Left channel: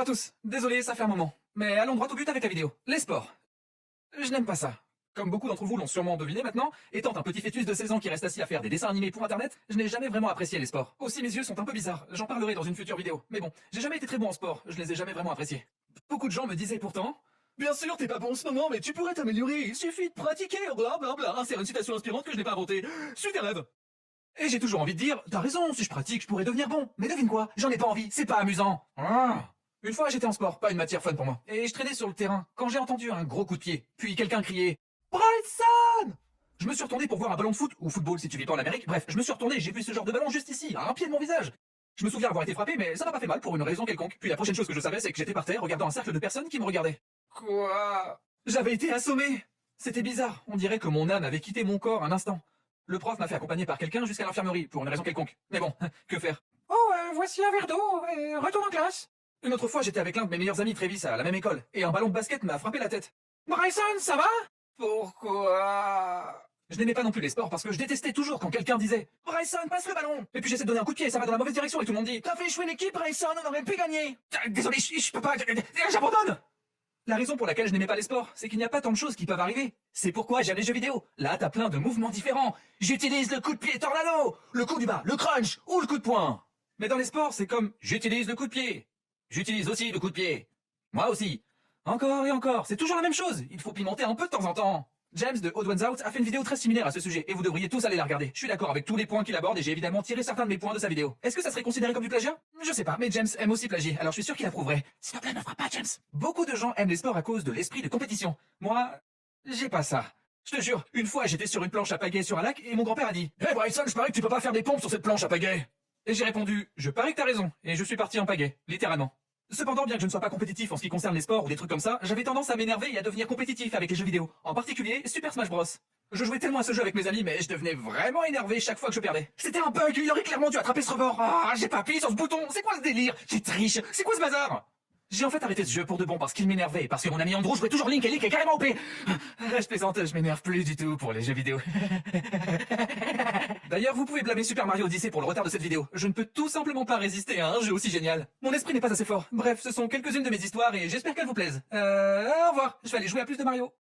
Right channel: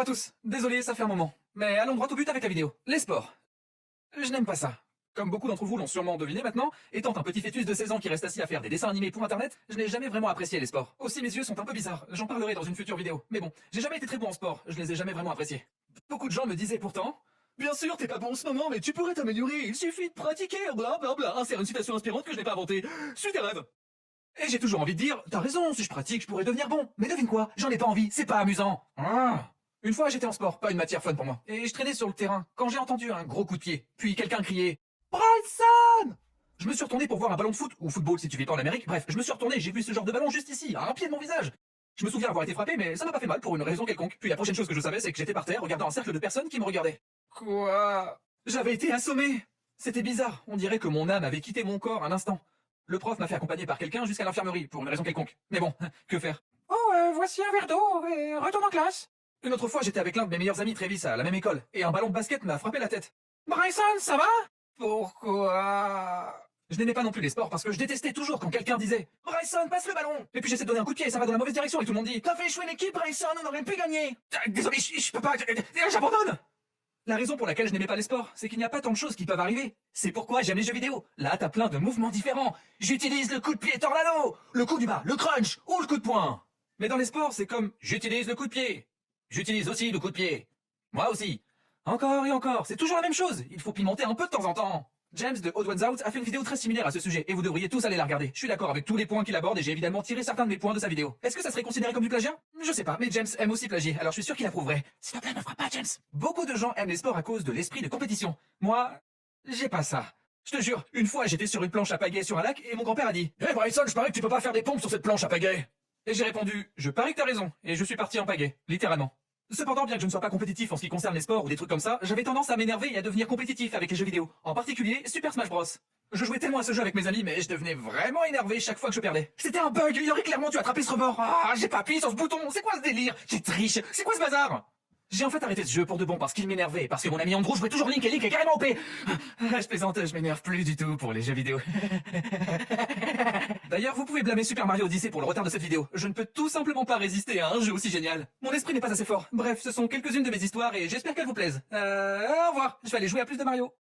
Bonjour à tous, désolé, ça fait un moment. Mais allons droit au but avec la vidéo. Les sports. Je n'aime pas ça. Comme beaucoup d'entre vous l'ont sûrement deviné maintenant, étant un petit fœtus de 16 ans qui reste assis à faire des dessins animés pour internet, je n'ai jamais vraiment apprécié les sports. Aussi mes yeux sont un peu bizarres, j'en parlerai dans une future vidéo. Mais bon, j'ai jamais été très bon en sport, je les ai jamais vraiment appréciés. Beaucoup de gens me disaient pourtant... Bien sûr, t'es pas bon en ce moment, mais tu pourrais t'améliorer, il suffit de pratiquer, blablabla. C'est une citation inspirante que je n'ai pas inventée. Suis tes rêves. Et j'ai toujours envie de dire, t'as raison, si je pratique, je pourrais devenir bon. Mais devine quoi, j'en ai pas envie, c'est pas amusant. Une fois j'étais en sport, pas une matière fun pour moi, et je traînais sur le terrain, quand j'ai entendu un gros coup de pied, puis quelqu'un criait « Bryson !» Je me suis retourné pour voir un ballon de foot, ou football si tu vis pas en Amérique, bref, je me suis retourné, j'ai vu ce genre de ballon juste ici, à un pied de mon visage. Je me souviens avoir été frappé, mais ça m'a pas fait mal pour une raison quelconque. Puis la prochaine chose que je savais, c'est que j'étais par terre, regardant un cercle de personnes qui me regardaient. Quoi? J'avais été assommé. C'était bizarre, on dirait que mon âme avait quitté mon corps un instant. Le prof m'a fait accompagner par quelqu'un jusqu'à l'infirmerie, pour une raison quelconque. Mais bon, que faire? Oh, voici un verre d'eau, et retourne en classe. Une autre fois, j'étais avec l'un de mes meilleurs amis Travis à la même école, et un ballon de basket m'a frappé la tête. Bryson, ça va? Pourquoi? Je n'aimais pas non plus les sports parce que je détestais toujours quand quelqu'un disait « Bryson, passe le ballon !» Et puis j'essaie de donner un coup de pied et ça va dans la mauvaise direction et tout le monde dit « T'as fait échouer l'équipe, Bryson, on aurait pu gagner !» Désolé, je peux pas, j'abandonne. La raison pour laquelle je n'aimais pas les sports, c'est qu'il n'y a pas tant de choses qui peuvent arriver. C'est pourquoi j'aime les jeux vidéo. Là, t'as plein de mouvements différents. J'utilise le coup de pied tornado, le coup du bas, le crunch ou le coup de poing. Mais dans les sports, c'est comme « J'utilise le coup de pied ». J'utilise aussi le coup de pied. Moi aussi. Encore et encore, c'est toujours la même chose. Il faut pimenter un peu de temps en temps. James de Odd Ones Out a fait une vidéo très similaire à ce sujet, et vous devriez tous aller la regarder. Je suis d'accord avec tous les points qu'il aborde, et j'ai évidemment tiré certains de mes points de sa vidéo. Est-ce que ça serait considéré comme du plagiat? Je sais pas, mais James aime aussi plagier, alors je suis sûr qu'il approuverait. S'il te plaît, ne frappe pas, James. Beaucoup de gens aiment les sports à cause de l'esprit de compétition. Moi, j'ai pas ça. Je te jure, une fois j'étais sur une planche à pagaie sur un lac, et mon grand-père a dit « Hey Bryson, je parie que tu peux pas faire des pompes sur cette planche à pagaie !» Et j'ai répondu « Je parie que t'as raison », et je suis parti en pagaie, littéralement. Cependant, bien que je ne sois pas compétitif en ce qui concerne les sports ou des trucs comme ça, j'avais tendance à m'énerver et à devenir compétitif avec les jeux vidéo. En particulier, Super Smash Bros. Je jouais tellement à ce jeu avec mes amis, mais je devenais vraiment énervé chaque fois que je perdais. C'était un bug, il aurait clairement dû attraper ce rebord. Ah, j'ai pas appuyé sur ce bouton, c'est quoi ce délire? J'ai triche, c'est quoi ce bazar? J'ai en fait arrêté ce jeu pour de bon parce qu'il m'énervait, parce que mon ami Andrew jouait toujours Link et Link est carrément OP. Je plaisante, je m'énerve plus du tout pour les jeux vidéo. D'ailleurs, vous pouvez blâmer Super Mario Odyssey pour le retard de cette vidéo. Je ne peux tout simplement pas résister à un jeu aussi génial. Mon esprit n'est pas assez fort. Bref, ce sont quelques-unes de mes histoires et j'espère qu'elles vous plaisent. Au revoir, je vais aller jouer à plus de Mario.